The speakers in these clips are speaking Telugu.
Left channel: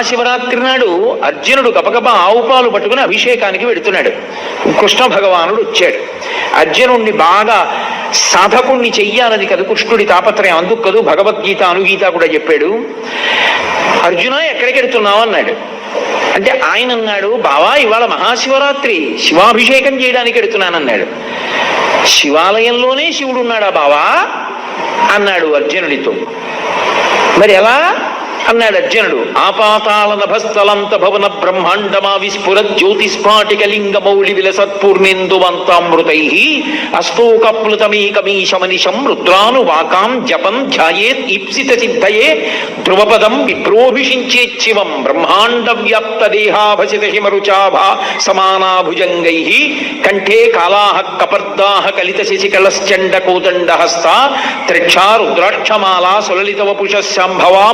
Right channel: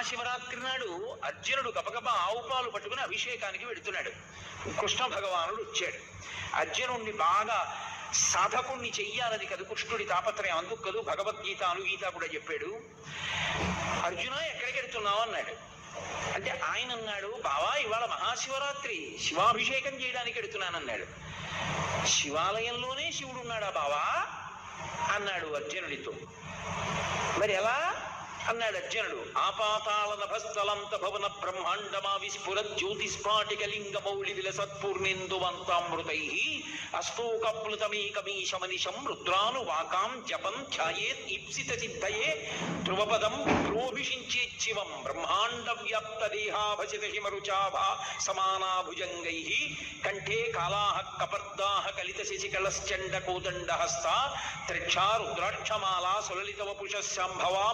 మహాశివరాత్రి నాడు అర్జునుడు గబగబ ఆవు పాలు పట్టుకుని అభిషేకానికి వెడుతున్నాడు. కృష్ణ భగవానుడు వచ్చాడు. అర్జునుణ్ణి బాగా సాధకుణ్ణి చెయ్యాలని కదా కృష్ణుడి తాపత్రయం. అందుకు కదూ భగవద్గీత అనుగీత కూడా చెప్పాడు. అర్జున ఎక్కడికి వెడుతున్నావు? అన్నాడు. అంటే ఆయన అన్నాడు బావా ఇవాళ మహాశివరాత్రి. శివాభిషేకం చేయడానికి వెడుతున్నానన్నాడు. శివాలయంలోనే శివుడు ఉన్నాడా బావా? అన్నాడు అర్జునుడితో. మరి ఎలా? అన్నాడు అర్జునుడు. ఆపాతాల నభస్థలంత భవన బ్రహ్మాండమా విస్ఫుర జ్యోతిస్ఫాటిక లింగ మౌళి విలసత్పూర్ణేందువంతామృతై అస్తోకప్లుతమీకమీశమనిశం రుద్రాను వాకాం జపం ధ్యాయేత్ ఇప్సిత సిద్ధయే ధ్రువపదం విప్రోభిషించేచ్చివం బ్రహ్మాండ వ్యాప్త దేహాభసిత హిమరుచాభా సమానాభుజంగై కంఠే కాలాహ కపర్దాహ కలిత శశికళశ్చండ కోదండ హస్త త్రిక్షా రుద్రాక్షమాలా సులలిత వపుష శాంభవా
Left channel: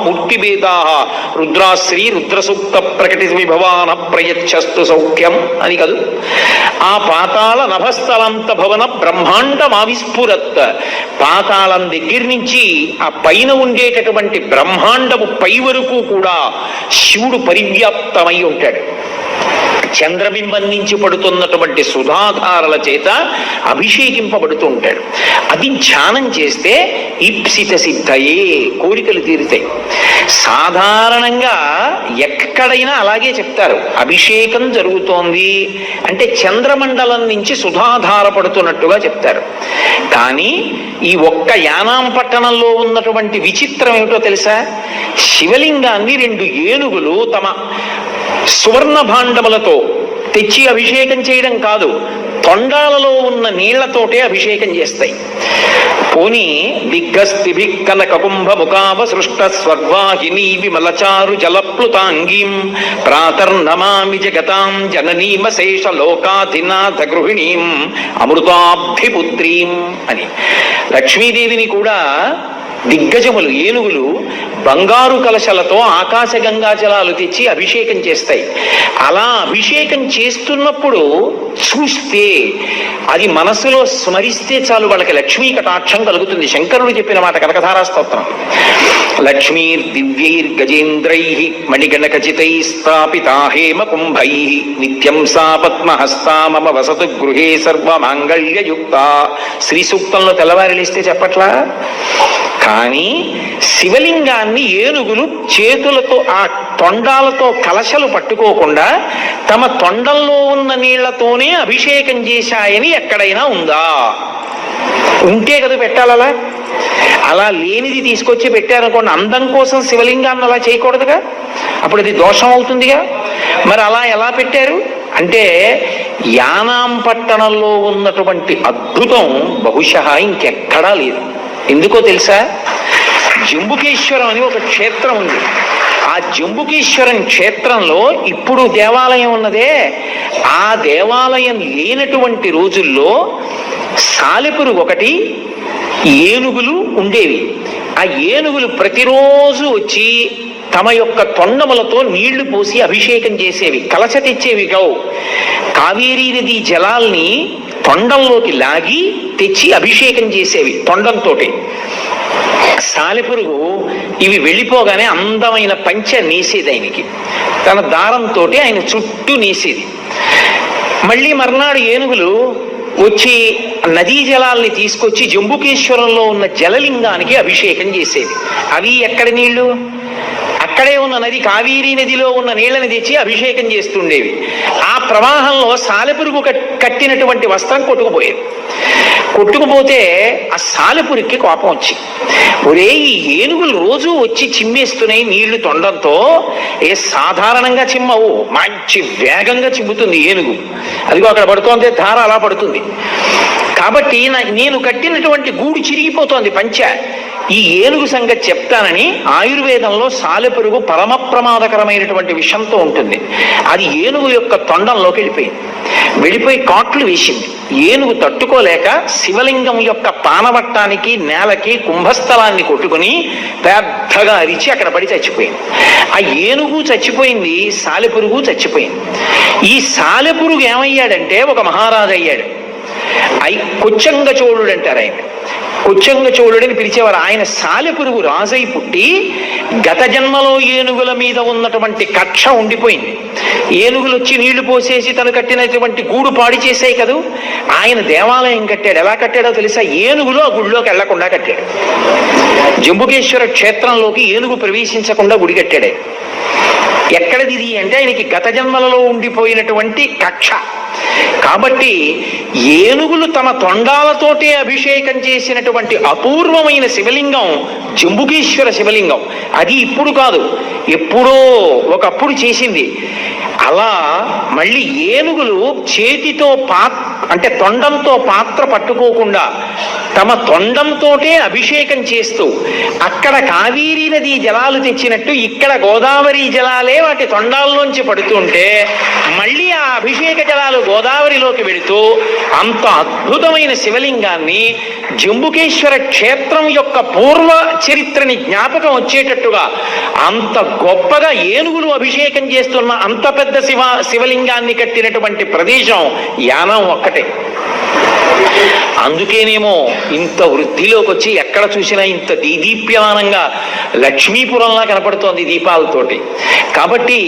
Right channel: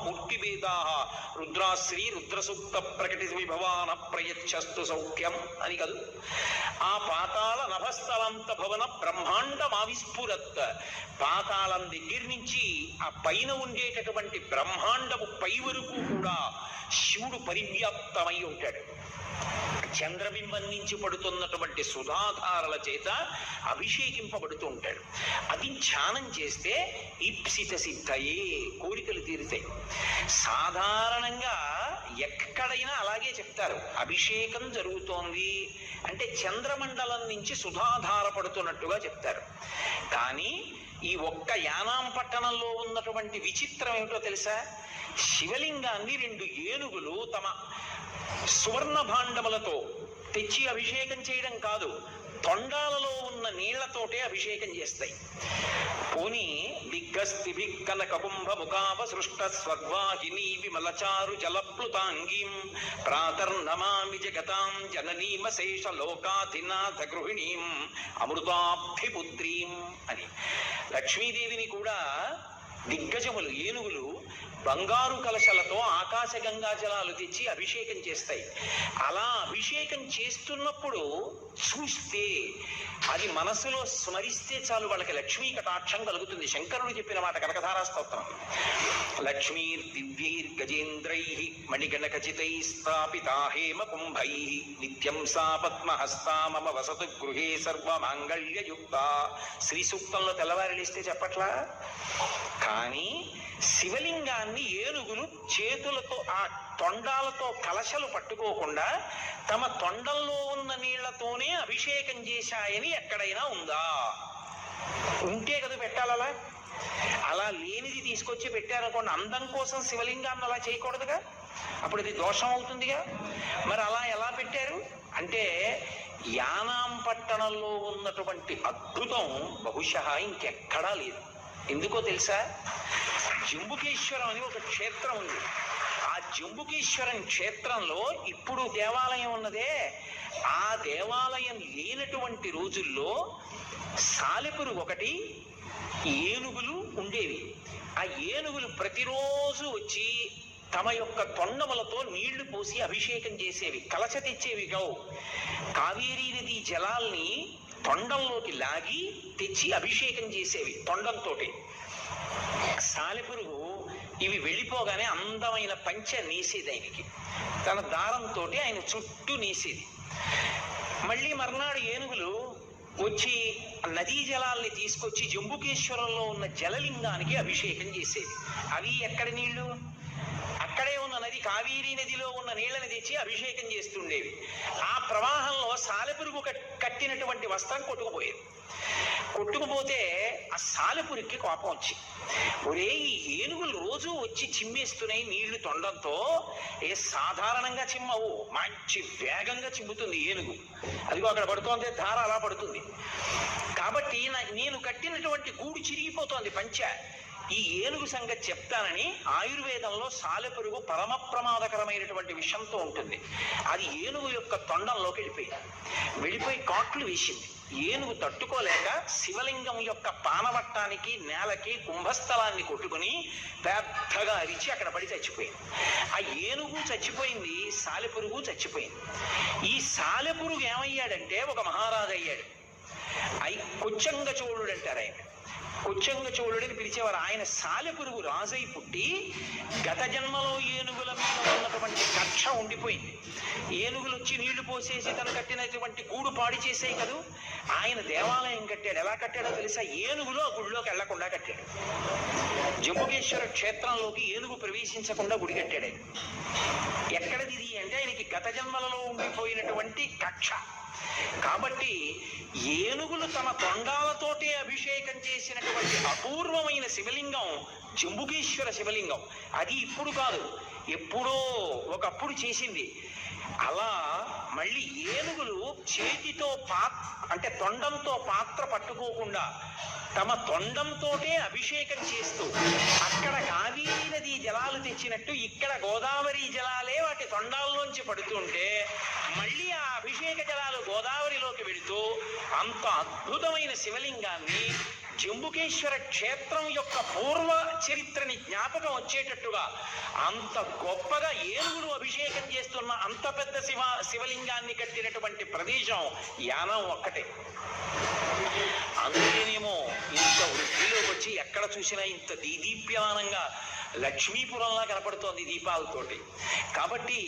మూర్తిభేదా రుద్రాశ్రీ రుద్రసూక్త ప్రకటి విభవాన ప్రయచ్చస్తు సౌఖ్యం అని కదూ. ఆ పాతాల నభస్థలంత భవన బ్రహ్మాండం ఆవిస్ఫురత్ పాతాళం దగ్గర నుంచి ఆ పైన ఉండేటటువంటి బ్రహ్మాండము పై వరకు కూడా శివుడు పరివ్యాప్తమై ఉంటాడు. చంద్రబింబం నుంచి పడుతున్నటువంటి సుధాధారల చేత అభిషేకింపబడుతూ ఉంటాడు అది ధ్యానం చేస్తే ఈప్సిత సిద్ధయే కోరికలు తీరుతాయి. సాధారణంగా ఎక్కడైనా అలాగే చెప్తారు. అభిషేకం జరుగుతోంది అంటే చంద్రమండలం నుంచి సుధాధార పడుతున్నట్టుగా చెప్తారు. కానీ ఈ ఒక్క యానాం పట్టణంలో ఉన్నటువంటి విచిత్రం ఏమిటో తెలుసా? శివలింగాన్ని రెండు ఏనుగులు తమ సువర్ణ భాండములతో తెచ్చి అభిషేకం చేయడం కాదు తొండాలలో ఉన్న నీళ్ళతోటే అభిషేకం చేస్తాయి. పోని దిగ్గస్తిభి కనక కుంభ ముఖావ సృష్ట స్వర్వాహిని విమలచారు జలప్లుతాంగీం ప్రాతర్నమామి జగతాం జననీమ శేష లోకాధినాథ గృహిణీం అమృతాబ్ధిపుత్రీం అని. లక్ష్మీదేవిని కూడా దిగ్గజములు ఏనుగులు బంగారు కలశలతో ఆకాశ గంగాజలాలు తెచ్చి అభిషేకం చేస్తాయి. అలా అభిషేకం చేస్తున్నప్పుడు చూస్తే అది మనసులో స్మరిస్తే చాలు వాళ్ళకి లక్ష్మీ కటాక్షం కలుగుతుంది. శంకరుడు చెప్పిన మాట కనకధారాస్తోత్రం లక్ష్మీర్ దివ్యైర్ గజేంద్రై మణిగణకచితై స్థాపితా హేమ కుంభై నిత్యం సా పద్మహస్తా మమ వసతు గృహే సర్వమాంగళ్యయుక్త. శ్రీ సూక్తంలో తెల్లవారిలిస్తే చెప్పట్లా? కానీ శివలింగాన్ని ఏనుగులు చేతులతో ఆ తొండాలతో కలశలు పట్టుకోకుండా తమ తొండంలో ఉన్న నీళ్ళతోనే అభిషేకం చేశాయని ఎక్కడైనా ఉందా? ఉంటే కదా పెట్టాలలా? అలా లేనిది తీసుకొచ్చి పెట్టారనుకోండి అందం కోసం శివలింగాన్ని అలా చేయకూడదుగా? అప్పుడు అది దోషం అవుతుందిగా? మరి అలా ఎలా పెట్టారు? అంటే యానాం పట్టణంలో ఉన్నటువంటి అద్భుతం బహుశా ఇంకెక్కడా లేదు. ఎందుకో తెలుసా? జంబుకేశ్వరం అని ఒక క్షేత్రం ఉంది. ఆ జంబుకేశ్వరం క్షేత్రంలో ఇప్పుడు దేవాలయం ఉన్నదే. ఆ దేవాలయం లేనటువంటి రోజుల్లో సాలెపురు ఒకటి ఏనుగులు ఉండేవి. ఆ ఏనుగులు ప్రతిరోజు వచ్చి తమ యొక్క తొండములతో నీళ్ళు పోసి అభిషేకం చేసేవి. కలశ తెచ్చేవి గౌ కావేరీ నది జలాల్ని తొండంలోకి లాగి తెచ్చి అభిషేకం చేసేవి తొండంతోటి. సాలెపురుగు ఇవి వెళ్ళిపోగానే అందమైన పంచ నీసేది ఆయనకి. తన దారంతో ఆయన చుట్టూ నీసేది. మళ్ళీ మర్నాడు ఏనుగులు వచ్చి నదీ జలాల్ని తీసుకొచ్చి జంబుకేశ్వరంలో ఉన్న జలలింగానికి అభిషేకం చేసేది. అవి ఎక్కడ నీళ్ళు అక్కడే ఉన్న నది కావేరీ నదిలో ఉన్న నీళ్ళని తెచ్చి అభిషేకం చేస్తుండేవి. ఆ ప్రవాహంలో సాలెపురుగు కట్టినటువంటి వస్త్రం కొట్టుకుపోయేది. కొట్టుకుపోతే ఆ సాలెపురికి కోపం వచ్చి ఒరే ఈ ఏనుగులు రోజు వచ్చి చిమ్మేస్తున్నాయి నీళ్ళు తొండంతో. ఏ సాధారణంగా చిమ్మవు మంచి వేగంగా చిమ్ముతుంది ఏనుగు. అదిగో అక్కడ పడుతోంది ధార అలా పడుతుంది. కాబట్టి నేను కట్టినటువంటి గూడు చిరిగిపోతోంది పంచ. ఈ ఏనుగు సంగతి చెప్తానని ఆయుర్వేదంలో సాలెపురుగు పరమ ప్రమాదకరమైనటువంటి విషంతో ఉంటుంది. అది ఏనుగు యొక్క తొండంలోకి వెళ్ళిపోయింది. వెళ్ళిపోయి కాట్లు వేసింది. ఏనుగు తట్టుకోలేక శివలింగం యొక్క పానవట్టానికి నేలకి కుంభస్థలాన్ని కొట్టుకుని పెద్దగా అరిచి అక్కడ పడి చచ్చిపోయింది. ఆ ఏనుగు చచ్చిపోయింది సాలెపురుగు చచ్చిపోయింది. ఈ సాలెపురుగు ఏమయ్యాడంటే ఒక మహారాజు అయ్యాడు ఐ కొచ్చంగ చోళుడు అంటారు ఆయన. కొచ్చంగ చోళుడని పిలిచేవారు. ఆయన సాలెపురుగు రాజై పుట్టి గత జన్మలో ఏనుగుల మీద ఉన్నటువంటి కక్ష ఉండిపోయింది. ఏనుగులు వచ్చి నీళ్ళు పోసేసి తను కట్టినటువంటి గూడు పాడి చేసాయి కదూ? ఆయన దేవాలయం కట్టాడు. ఎలా కట్టాడో తెలుసా? ఏనుగులు ఆ గుడిలోకి వెళ్ళకుండా కట్టాడు. జంబుకేశ్వర క్షేత్రంలోకి ఏనుగు ప్రవేశించకుండా గుడి కట్టాడే. ఎక్కడది ఇది అంటే ఆయనకి గత జన్మలలో ఉండిపోయినటువంటి కక్ష. కాబట్టి ఏనుగులు తమ తొండాలతోటే అభిషేకం చేసినటువంటి అపూర్వమైన శివలింగం జంబుకేశ్వర శివలింగం. అది ఇప్పుడు కాదు. ఎప్పుడో ఒకప్పుడు చేసింది. అలా మళ్ళీ ఏనుగులు చేతితో పా అంటే తొండంతో పాత్ర పట్టుకోకుండా తమ తొండంతోటే అభిషేకం చేస్తూ అక్కడ కావేరీ నది జలాలు తెచ్చినట్టు ఇక్కడ గోదావరి జలాలే వాటి తొండాల్లోంచి పడుతుంటే అభిషేక జలాలు గోదావరిలోకి వెళుతూ అంత అద్భుతమైన శివలింగాన్ని జంబుకేశ్వర క్షేత్రం యొక్క పూర్వ చరిత్రని జ్ఞాపకం వచ్చేటట్టుగా అంత గొప్పగా ఏనుగులు అభిషేకం చేస్తున్న అంత పెద్ద శివ శివలింగాన్ని కట్టినటువంటి ప్రదేశం యానం ఒక్కటే. అందుకేనేమో ఇంత వృద్ధిలోకి వచ్చి ఎక్కడ చూసినా ఇంత దీదీప్యమానంగా లక్ష్మీపురంలా కనపడుతోంది దీపాలతోటి. కాబట్టి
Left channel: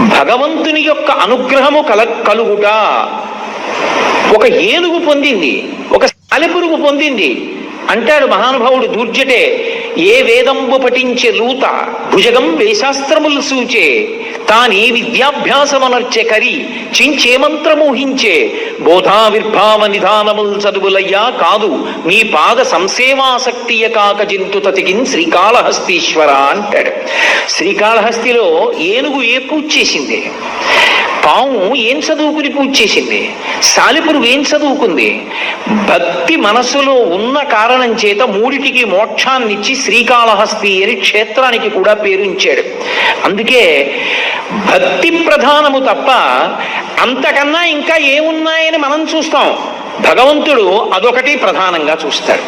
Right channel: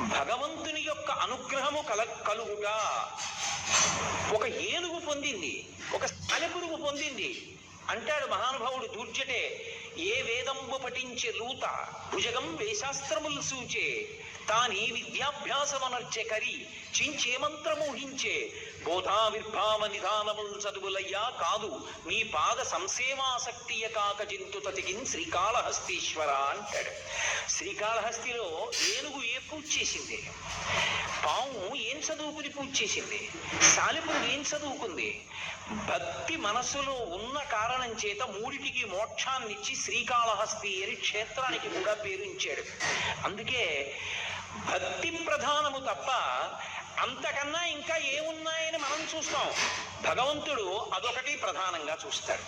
భగవంతుని యొక్క అనుగ్రహము కల కలుగుట. ఒక ఏనుగు పొందింది ఒక సాలెపురుగు పొందింది. అంటాడు మహానుభావుడు దూర్జటే ఏ వేదంబు పఠించే లూత భుజగం వేశాస్త్రములు సూచే తానే విద్యాభ్యాసమనర్చె కరి చించే మంత్రమోహించే. బోధావిర్భావ నిధానముల్ చదువులయ్యా కాదు మీ పాద సంసేవాసక్తియ కాక జంతు తతికిన్ శ్రీకాళహస్తీశ్వర అంటాడు. శ్రీకాళహస్తిలో ఏనుగు ఏ పూజ చేసింది పాము ఏం చదువుకుని పూజ చేసింది? సాలిపురుగు ఏం చదువుకుంది? భక్తి మనసులో ఉన్న కారణం చేత మూడిటికి మోక్షాన్నిచ్చి శ్రీకాళహస్తి అని క్షేత్రానికి కూడా పేరుంచాడు అందుకే భక్తి ప్రధానము తప్ప అంతకన్నా ఇంకా ఏమున్నాయని మనం చూస్తాం. భగవంతుడు అదొకటి ప్రధానంగా చూస్తాడు.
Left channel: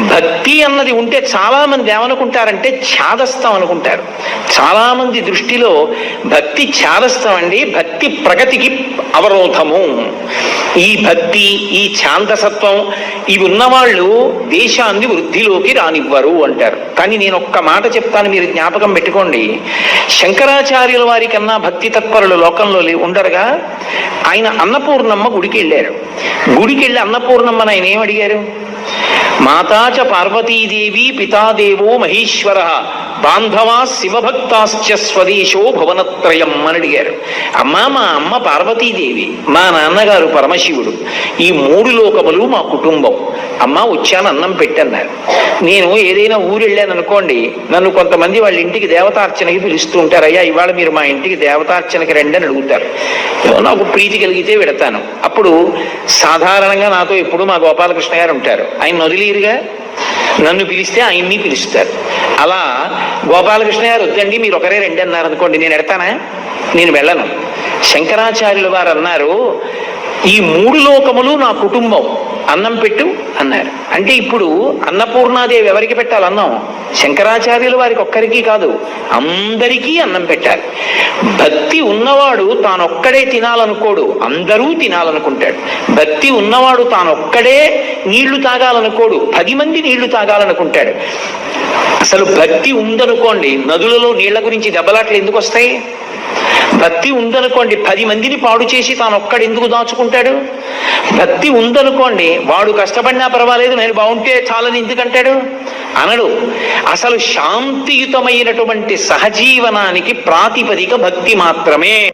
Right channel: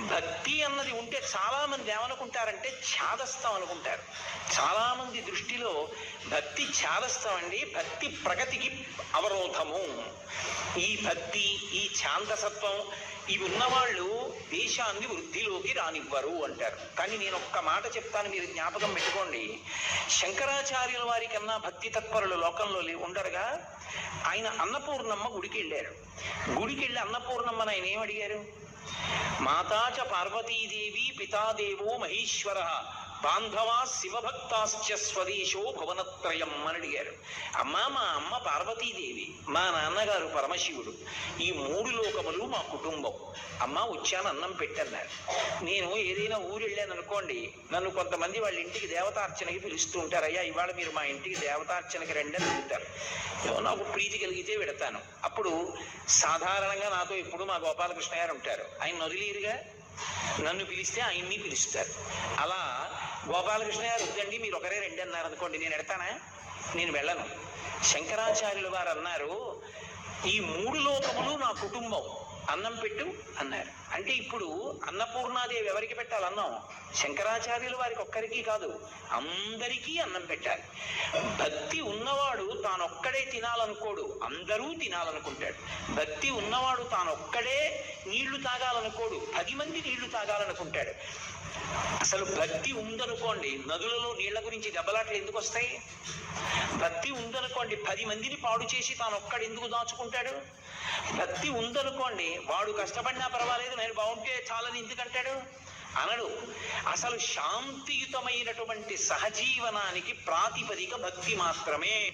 భక్తి అన్నది ఉంటే చాలామంది ఏమనుకుంటారంటే ఛాదస్తం అనుకుంటారు. చాలామంది దృష్టిలో భక్తి ఛాదస్తం అండి భక్తి ప్రగతికి అవరోధము. ఈ భక్తి ఈ ఛాందసత్వం ఇవి ఉన్నవాళ్ళు దేశాన్ని వృద్ధిలోకి రానివ్వరు అంటారు. కానీ నేను ఒక్క మాట చెప్తాను మీరు జ్ఞాపకం పెట్టుకోండి. శంకరాచార్యుల వారి కన్నా భక్తి తత్పరులు లోకంలో ఉండరుగా. ఆయన అన్నపూర్ణమ్మ గుడికి వెళ్ళారు గుడికి వెళ్ళి అన్నపూర్ణమ్మను ఆయన ఏమడిగారు మాతాచ పార్వతీదేవి పితాదేవో మహేశ్వర బాంధవా శివభక్తాశ్చ స్వదేశో భువనత్రయం అని అడిగారు. అమ్మా మా అమ్మ పార్వతీదేవి మా నాన్నగారు పరమశివుడు ఈ మూడు లోకములు మా కుటుంబం. అమ్మ వచ్చాను అన్నం పెట్టన్నారు నేను ఏదైనా ఊరు వెళ్ళాను అనుకోండి నన్ను కొంతమంది వాళ్ళ ఇంటికి దేవతార్చనకి పిలుస్తూ ఉంటారు. అయ్యా ఇవాళ మీరు మా ఇంటికి దేవతార్చనకి రండి అని అడుగుతారు. నాకు ప్రీతి కలిగితే పెడతాను. అప్పుడు సాధారణంగా నాతో ఎప్పుడు మా గోపాలకృష్ణ గారు ఉంటారు. ఆయన వదిలేరుగా నన్ను పిలిస్తే ఆయన్ని పిలుస్తారు. అలా గోపాలకృష్ణ గారు వద్దండి మీరు ఒకరే రండి అన్నారు అనుకోండి. నేను ఎడతానా? నేను వెళ్ళను. శంకరాచార్యుల వారు అన్నారు ఈ మూడు లోకములు నా కుటుంబం. అన్నం పెట్టు అన్నారు. అంటే ఇప్పుడు అన్నపూర్ణాదేవి ఎవరికి పెట్టాలి అన్నం? శంకరాచార్యులు వారికి ఒక్కరికి కాదు అందరికీ అన్నం పెట్టాలి. భక్తి ఉన్నవాడు తానొక్కడే తినాలనుకోడు అందరూ తినాలనుకుంటాడు. భక్తి ఉన్నవాడు తానొక్కడే నీళ్ళు తాగాలనుకోడు పది మంది నీళ్ళు తాగాలనుకుంటాడు. అసలు భక్తి ఉందనుకోండి నదులలో నీళ్ళ గురించి దెబ్బలాట్లు ఎందుకు వస్తాయి? భక్తి ఉందనుకోండి పది మందిని పాడు చేసి తాను ఒక్కడు ఎందుకు దాచుకుంటాడు? భక్తి ఉందనుకోండి వాడు కష్టపడినా పర్వాలేదు నేను బాగుంటే చాలని ఎందుకంటాడు? అనడు. అసలు శాంతియుతమైనటువంటి సహజీవనానికి ప్రాతిపదిక భక్తి మాత్రమే.